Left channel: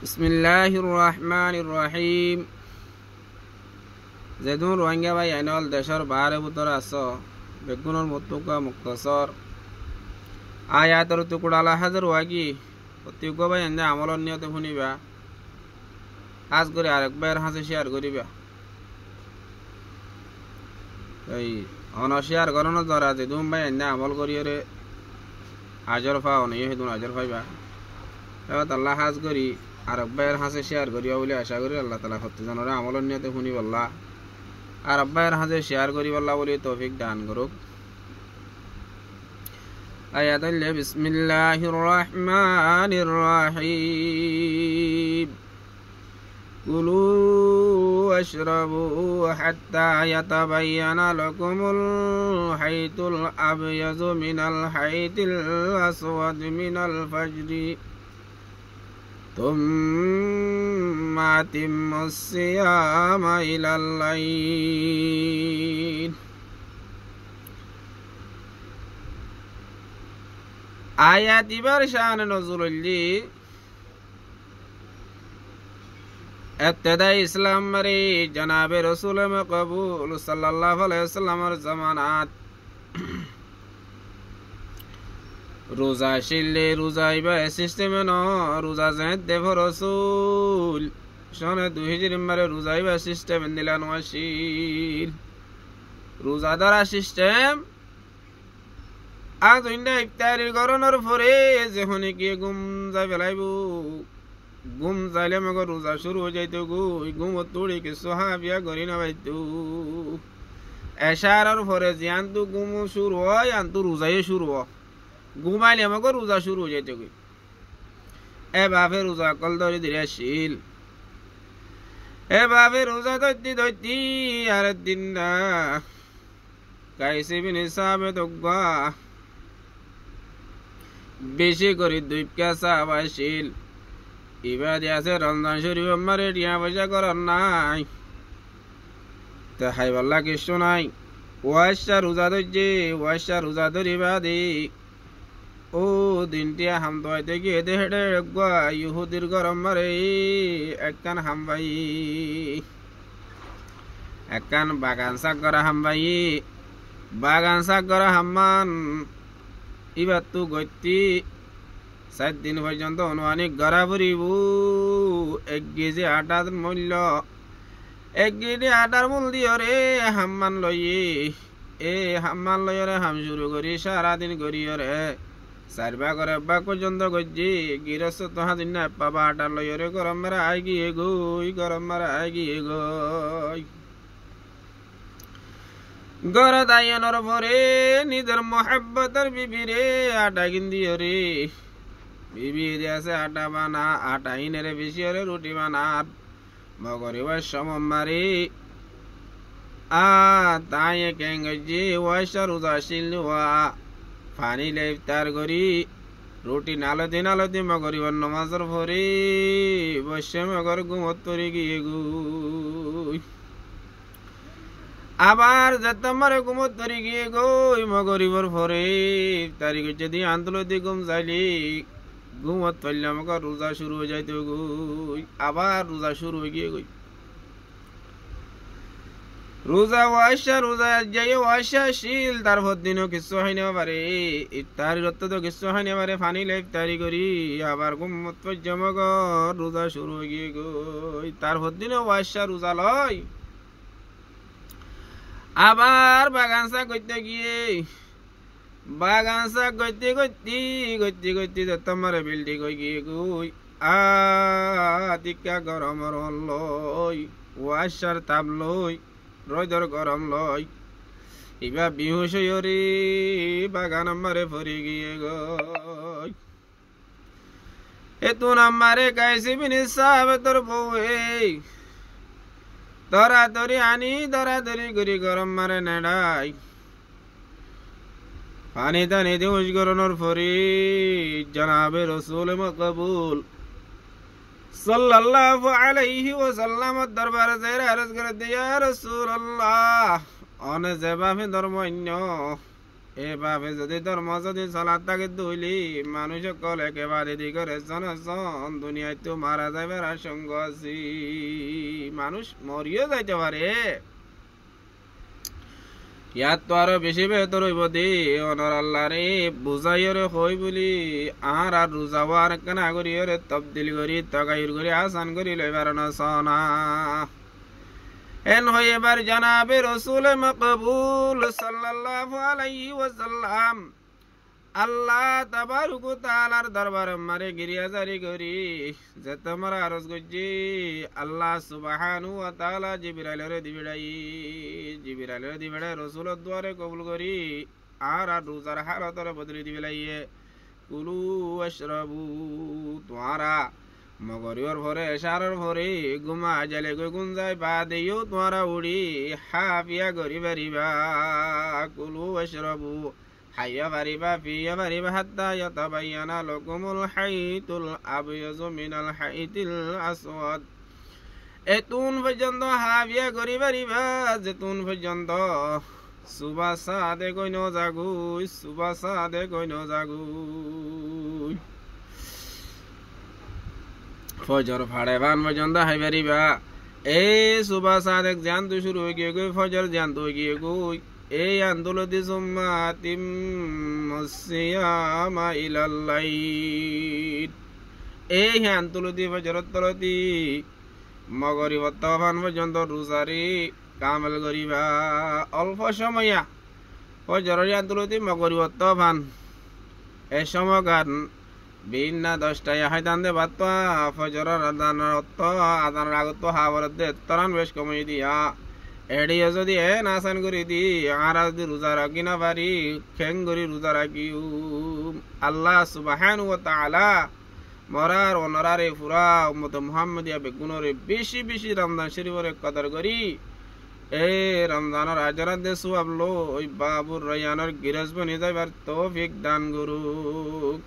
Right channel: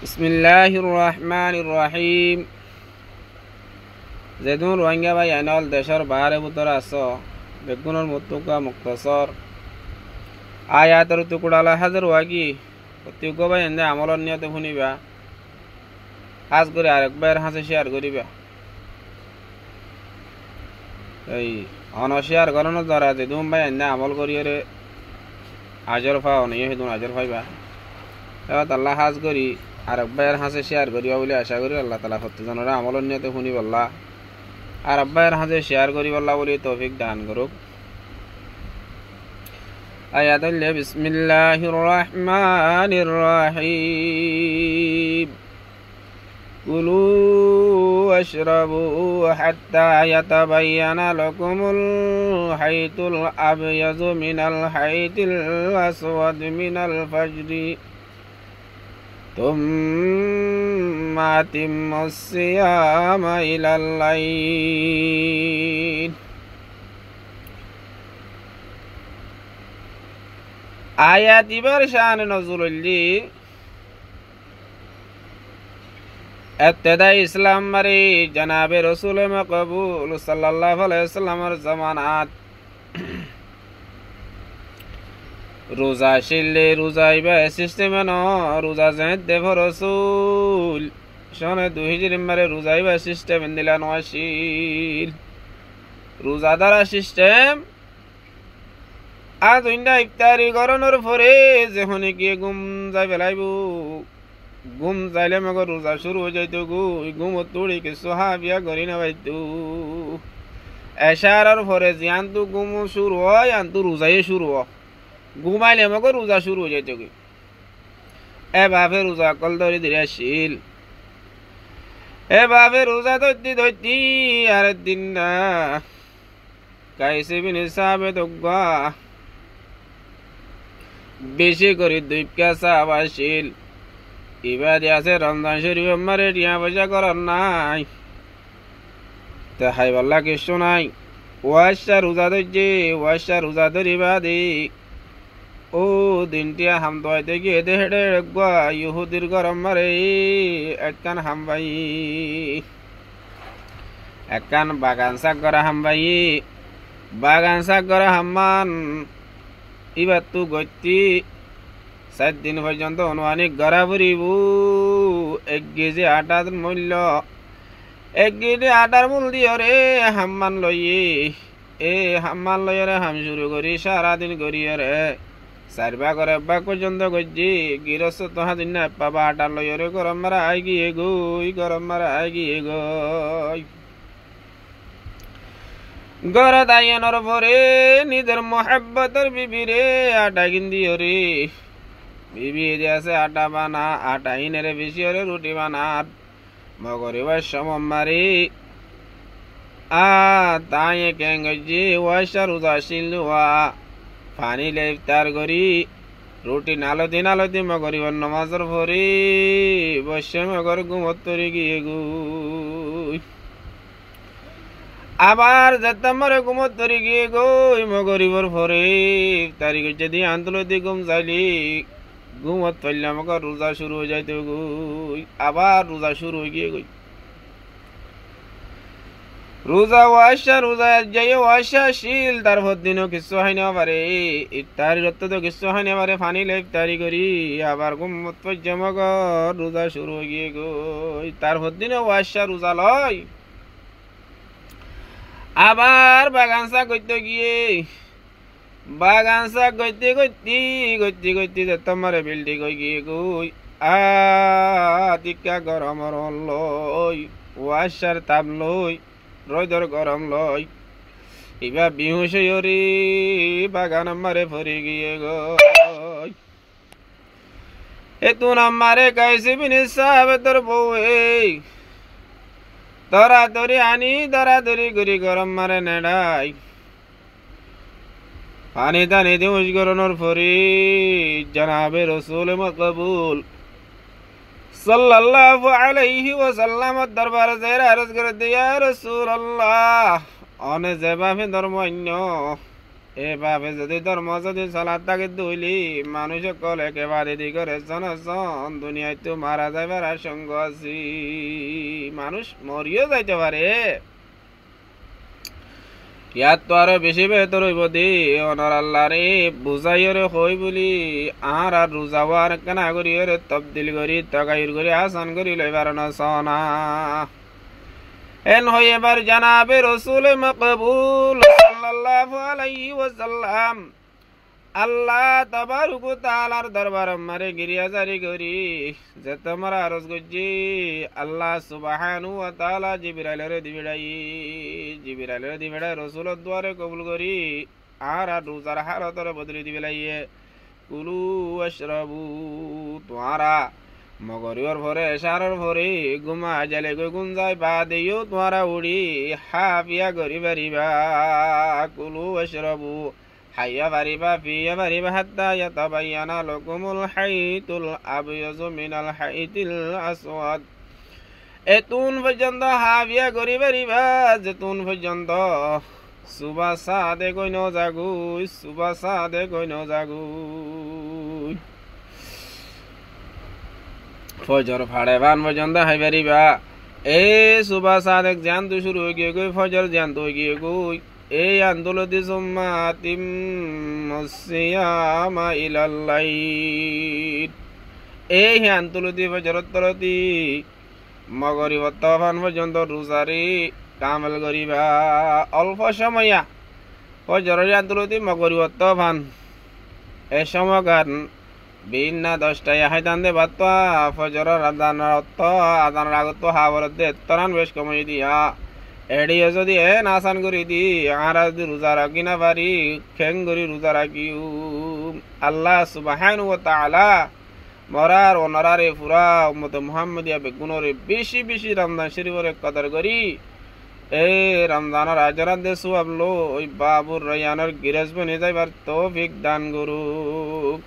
বিসমিল্লাহির রহমানির রহিম। যেদুন রোহিঙ্গা ভাই আইনল দেশের বাহারে ভিতরে আস বেগুনের মুতুকা মুক্তসর আয়াতর টুকুড়ালা হাজার ওয়াগি প্রত্যেক ভাই এনে আমলের নিয়তে শুনিবা কাজ করে আরেকবার হাসে শেয়ার করিবা। এই অনশেয়ার করানোর দ্বারা যেদুন ভাই এনে আমল করিয়ে আজর পাও নিয়ে সেদুন আজর পাইবা। এবার আল্লাহ হাজ করি আর আব্বাইয়ের হাসে শেয়ার করিবা বলে আশা করি আল্লাহ তালা সত্যজনরা আমলের নিয়তে শুনি বললা আর আব্বাইয়ের হাসে শেয়ার করি বললা বলে তৌফিক দান করুক। আয়াত হইলে বিসমিল্লাহির রহমানির রহিম। কুলু ওয়াশরাবু হাত্তা ইয়াতাবায়ানা লাকুমুল হাইতুল আবয়াযু মিনাল হাইতিল আসওয়াদ মিনাল ফাজরি ثم أتموا الصيام إلى الليل। আয়াত ইবার শান নজরুল্লি ইবতিদাই ইসলাম মারি জনাবে রাসূল মাকবুল সাল্লাল্লাহু আলাইহি ওয়াসাল্লামের জামানাত রোজা শিললে রোজা ইবা সিস্টেমে ন রোজা জেনে দেব রসুল সনে 2000 মারে রোজা ইবা সিস্টেম দিলা নশিল রোজা দ্বারা সিস্টেম আজ ইন্ডা ইফতারি করনোর পরে যখন কি ঘুম যাই বেলাইব ঘুম যাইলে মগ রোজা শুরু হয়ে যাইতো গো ঘুম তুড়ি কি সোহাবিয়া করি না বাইতো এশারার পরে জিয়ান্তু ঘুম শুরু হয় আন্তু রোজাই শুরু হয় ঘুমাইলে আমাকে রোজা শুরু হয়ে যাইতে এ বাপে রোজা কল ধরে ধীরে আসিল এ বাপে রোজা ধরতি ধরতি আর দিন না কাইসে বিনে সাবে তো বেশি করে 2 কাসা আসিল এবার আছে রমজান শরীফ আমারে টিয়া পয়সা করার নাই তা হাই বাল্লা কিছু নাই ওয়াশা রোজা ধরছে ওয়াশা রোজা ধরিবা দে ও দিনটিয়া হাম দোয়াইতে গিয়ে দেড়ে গুয়া ইহুদির গরম মারে একখান হামবাই একখান বাগান শাক করা হামবাই বাগান শাক করা হাম্মান এবার তু গতি 7 দিন পর্যন্ত অনুমানিক গড়া ফুরিব 1 কেজি আটার মূল্য 1 কেজি আটার মূল্য দিয়ে রে হাম্মান লইয়ে এ হাম্মান লইয়ে রে হাম শুরু করি সারাদিন করিয়ে রে 4 ভাগ করে ভাগ পর্যন্ত গজি গিরস্ত তোহা দিন না পাবা আটা লইয়ে রে গরম মারা আই গিয়ে গই গরম মারা আই গিয়ে গই গড়ে দাইয়ের পরে নিজের মোহাব্বতের বিবি রে আটা কিন্দিও রে বিবি আছে আটা বানা আটা ইনে রে বেশি রে রুটি বানাত মগরি ওয়াসম মারি আ তায়ে কেন গজি ওয়াসা রোজা শিলওয়া পানি লে ইফতার করি রুটি নালতি মগরি নামাজের পরে বসে মগর ঘুমত তরি গিয়ে গুই আবার যেতামারে ঘুমত তরি গিয়ে গই মগরিবর পরে ইফতারি যদি আন্তলতি ঘুম যাইলি ঘুমত পড়লে মগর রোজা শুরু হয়ে যাইতে গই আবার রোজা শুরু হয়ে গিয়ে গই রোজা ওয়াশা রোজা যাই ওয়াশা শিল তারপর দিনও কিছু হয় না পারে ইফতারি রত্ত তো কিছু হয় না পারে পানি লে ইফতারি করি আবার ঘুমত পড়ছে মগর রোজা শুরু হয়ে গিয়ে গই তারপর দিনও ওয়াশা রোজা লয় আবার বাগান শাক করতে গিয়ে বাগান শাক করতে করতে তোমার বিল্ডিং হয়ে গিয়ে গই টিকা গরম লই ওয়াশার তাপ লই রোদর গরম লই এবার বিহুস রে বাগান মারে ফরি গিয়ে গই এতু আমারে কাইছে বিনি সাহেব তোর বউয়ে দরাদরি আনি দরাদরি করি গরম মারে নেড়াই পানি টানি দিউস গরনোর ফরি জনাবে রাসূল মাকবুল সাল্লাল্লাহু আলাইহি ওয়াসাল্লাম দরবার যারা আরজ করে দিয়া রাসূলুল্লাহ অনে যেভাবে ধর্ম অন্য এ ভাবে যদি ধর্ম যদি চলার তাকে দইলি মানুষ সকল একেবারে দিগরে চন দুনিয়ায় তো মারা যাইবার আশঙ্কা আছি মানুষ মরিও যাইতে পারে ইয়াত তো আরো বেশি বেহতর হইব দি অনর আল্লাহ রে বুঝাইরে হই বলি আর রোজাওয়ার কানা করিরে তবদিল করি তগাইর করি আসান করি লইবার না সনা এন হই এবার জানাবে রসুল মকবুল সাল্লাল্লাহু আলাইহি ওয়াসাল্লাম আল্লাহ তাবারক ওয়া তাআলার দরবার মারে গিরিয়া জারি করি যে তোমরা আরজ গজি আল্লাহ সুবহানাহু ওয়া তাআলা জিবরাইলের দিবেড়াই রসুলের দুয়ারে কবুল করি আর রোজার হালতরে বদলি দিবেলাইয়ে কুলু ওয়াশরাবু তোমরা মগরিয়র ভরে এশারর ভরে গুমা জালে গই গুঞ্জাই বা দেইও তোমরা উড়ি হাফিয়া গরি বারিবা কুলু ওয়াশরাবু হাইয়া বারিবা ফিয়া বারিবা হাত্তা ইয়াতাবায়ানা লাকুমুল হাইতুল আবয়াজু মিনাল হাইতিল আসওয়াদ এতুন পর্যন্ত হাফিয়া গরি বারিবা যেতুন পর্যন্ত সুবাসা দে কই ন জাগুই সুবাসা দে কই ন জাগুই ফজর ফাড়ে বান পর্যন্ত হাই বারিবা এ সুবাসা দেখ জান তো শুরু হয়ে গিয়ে গই ফজর জান তো গিয়ে গই এই আন্দোলতি সুম্মাতিম মুসিয়ামা ইলাল্লাইল এই হে আন্দোলতি ফজরত তলতি মগরিব তফান পর্যন্ত রোজারি কামেল করিবা অল্প সময়া ফজরের আন্দোলতি মগরিব তফান এ সময় গান বিনা 10টায় হাইতান দে বাত্তা ফজরের আদানের অর্থ আদানের আগত হাবরত দে তরান বেশ কমাই দিয়া এড়িয়ে যদি আসান করে দি আর যদি রোজা রাখি না পারি খেং করি রোজা রাখি আল্লাহ সুবহানাহু ওয়া তাআলা মরার ও নরারে পুরা উম্মত মুহাম্মদিয়া বেগুনরে বেশি বেশি রমজান শরীফরে কদর করি এই রমজানের আজরাত দে সুবলো ওই বাবুর রয়ানের গিরাজ বনে যাইবার তৌফিক দান করুক।